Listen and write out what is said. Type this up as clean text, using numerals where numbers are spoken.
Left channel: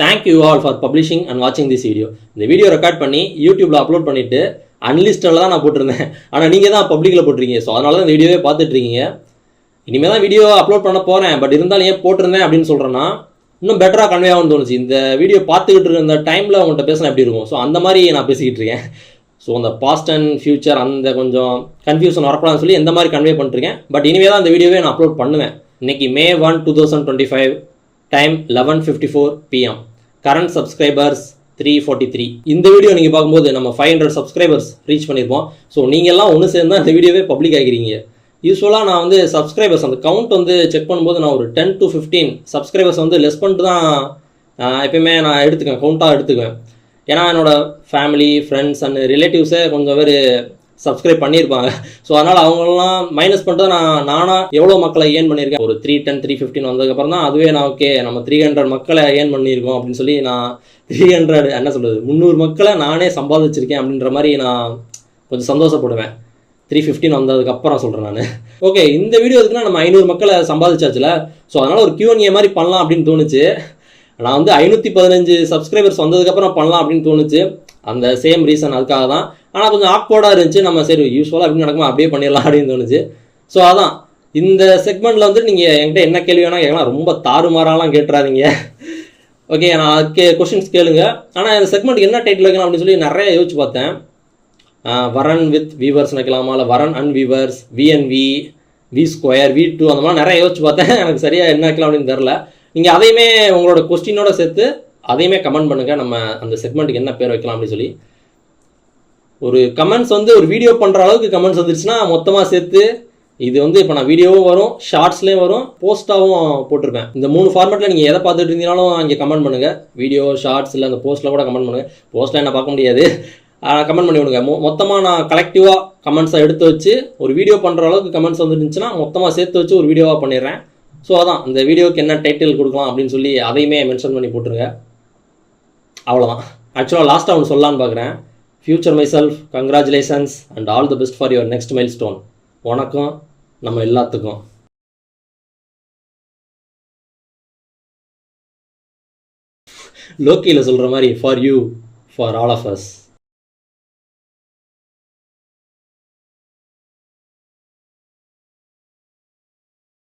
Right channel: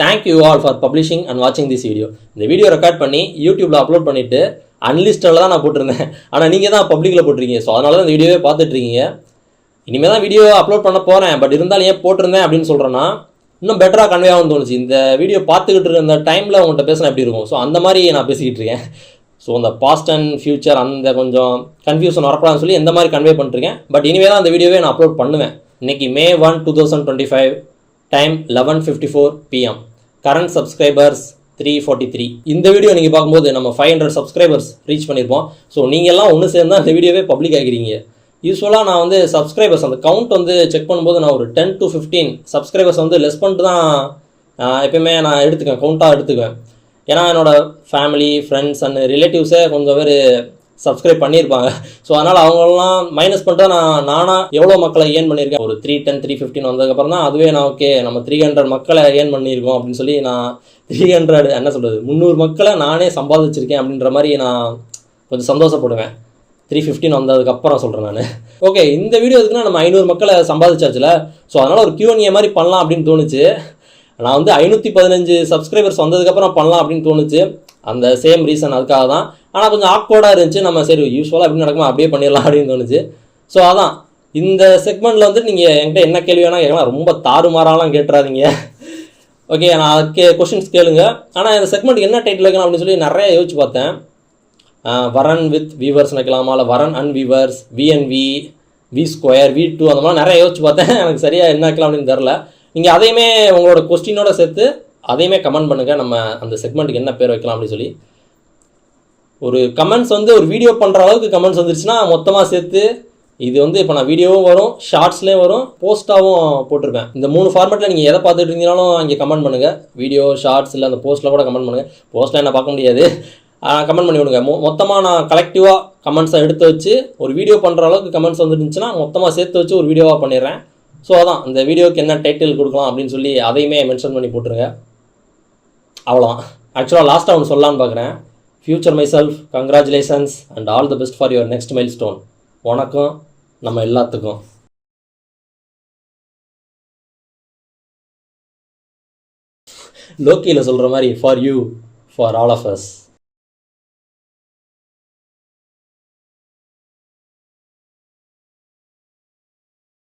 Thank you all for publishing and வாட்சிங் this video. இந்த video record பண்ணி யூடியூப்பில் அப்லோட் பண்ணிவிட்டு அன்லிஸ்டில் தான் நான் போட்டிருந்தேன். ஆனால் நீங்கள் தான் பப்ளிக்கில் போட்டிருக்கீங்க. ஸோ அதனால தான் இந்த வீடியோவே பார்த்துட்ருக்கீங்க. இனிமேல் தான் வீடியோ அப்லோட் பண்ண போகிறேன். பட் இருந்தாலும் ஏன் போட்டிருந்தேன் அப்படின்னு சொல்கிறேன்னா, இன்னும் பெட்டராக கன்வே ஆகும்னு தோணுச்சு. இந்த வீடியோ பார்த்துக்கிட்டு இருக்க அந்த டைமில் உங்கள்கிட்ட பேசினா எப்படி இருக்கும். ஸோ அந்த மாதிரி நான் பேசிக்கிட்டு இருக்கேன். ஸோ அந்த பாஸ்ட் அண்ட் ஃபியூச்சர் அந்த கொஞ்சம் கன்ஃபியூஷன் வரக்கூடாதுன்னு சொல்லி எந்த மாதிரி கன்வே பண்ணிருக்கேன். பட் இனிமேல் தான் அந்த வீடியோவே நான் அப்லோட் பண்ணுவேன். இன்றைக்கி May 1, 2025, time 11:54 PM. Current subscribers 343. இந்த வீடியோ நீங்கள் பார்க்கும்போது நம்ம 500 சப்ஸ்கிரைபர்ஸ் ரீச் பண்ணியிருப்போம். ஸோ நீங்கள் எல்லாம் ஒன்று சேர்ந்து தான் இந்த வீடியோவே பப்ளிக் ஆகிக்கிறீங்க. யூஸ்வலாக நான் வந்து சப்ஸ்கிரைபர்ஸ் அந்த கவுண்ட் வந்து செக் பண்ணும்போது நான் ஒரு 10 to 15 சப்ஸ்கிரைபர்ஸ் வந்து லெஸ் பண்ணிட்டு தான் எப்பயுமே நான் எடுத்துக்குவேன், கவுண்ட்டாக எடுத்துக்குவேன். ஏன்னா என்னோடய ஃபேமிலி, ஃப்ரெண்ட்ஸ் அண்ட் ரிலேட்டிவ்ஸை கொஞ்சம் பேர் சப்ஸ்கிரைப் பண்ணியிருப்பாங்க. ஸோ அதனால் அவங்களெலாம் மைனஸ் பண்ணிட்டு நானாக எவ்வளோ மக்களை ஏர்ன் பண்ணியிருக்கேன். ஒரு 310, 315 வந்ததுக்கப்புறம் தான் அதுவே நான் ஓகே நம்ம 300 மக்களை ஏர்ன் பண்ணியிருக்கோம் அப்படின்னு சொல்லி நான் 300 என்ன சொல்கிறது 300 மக்களை நானே சம்பாதிச்சிருக்கேன் அப்படின்ற மாதிரி நான் கொஞ்சம் சந்தோஷப்படுவேன். 315 வந்ததுக்கப்புறம் சொல்கிறேன் நான். ஓகே, இந்த வீடியோ எதுக்குன்னா நம்ம 500 மக்களை சம்பாதிச்சாச்சுல. ஸோ அதனால் ஒரு Q&A மாதிரி பண்ணலாம் அப்படின்னு தோணுச்சு. நான் வந்து 515 சப்ஸ்கிரைபர்ஸ் வந்ததுக்கப்புறம் பண்ணலாம் அப்படின்னு தோணுச்சு. அந்த சேம் ரீசன் அதுக்காக தான். ஆனால் கொஞ்சம் ஆக்வர்டாக இருந்துச்சு. நம்ம சரி யூஸ்வலாக எப்படி நடக்குமோ அப்படியே பண்ணிடலாம் அப்படின்னு தோணுச்சு. ஸோ அதான் இந்த செக்மெண்ட்டில் வந்து நீங்கள் என்கிட்ட என்ன கேள்வி வேணால் கேட்கலாம். ரொம்ப தாறுமாறாலாம் கேட்டுறாதீங்க. ஓகே, நான் கொஷின்ஸ் கேளுங்க. ஆனால் இந்த செக்மெண்ட்டுக்கு என்ன டைட்டில் வைக்கணும் அப்படின்னு சொல்லி நிறைய யோசிச்சு பார்த்தேன். வரன் வித் வீவர்ஸ் வைக்கலாமா, இல்லை வரன் and viewers, VNV, V2, V2 அந்த மாதிரி நிறைய யோசிச்சு பார்த்தேன். எனக்கு சரியாக என்ன வைக்கலாம் அப்படின்னு தெரில. நீங்கள் அதையுமே உங்களோட கொஸ்டினோட சேர்த்து அதையுமே கமெண்ட் பண்ணுங்கள். நம்ம அந்த செக்மெண்ட்டுக்கு என்ன பேர் வைக்கலாம் அப்படின்னு சொல்லி. ஒரு கமெண்ட்ஸ் வந்து ஒரு வீடியோ பண்ணுற அளவுக்கு கமெண்ட்ஸ் வந்துருச்சுன்னா மொத்தமாக சேர்த்து இது வந்து இப்போ நான் வீடியோவும் வரும், ஷார்ட்ஸ்லேயும் வரும், போஸ்ட்டாகவும் போட்டிருப்பேன். இந்த 3 ஃபார்மேட்டில் நீங்கள் எதை பார்த்துட்டு இருந்தீங்கனாலும் இங்கே கமெண்ட் பண்ணுங்கள். வீடியோ, ஷார்ட்ஸ் இல்லை அந்த போஸ்ட்டில் கூட கமெண்ட் பண்ணுங்கள். போஸ்ட்டில் என்ன பார்க்க முடியாது, கமெண்ட் பண்ணி விடுங்க. மொத்தமாக நான் கலெக்டிவாக கமெண்ட்ஸை எடுத்து வச்சு ஒரு வீடியோ பண்ணுற அளவுக்கு கமெண்ட்ஸ் வந்துருந்துச்சுன்னா மொத்தமாக சேர்த்து வச்சு ஒரு வீடியோவாக பண்ணிடுறேன். ஸோ அதான் இந்த வீடியோக்கு என்ன டைட்டில் கொடுக்கலாம் அப்படின்னு சொல்லி அதையுமே மென்ஷன் பண்ணி போட்டுருங்க. அவ்வளோதான். ஆக்சுவலாக லாஸ்ட்டாக ஒன்று சொல்லலான்னு பார்க்குறேன். Future myself, congratulations and all the best for your next milestone. வணக்கம் நம்ம எல்லாத்துக்கும். லோக்கியில் சொல்கிற மாதிரி for you, for all of as.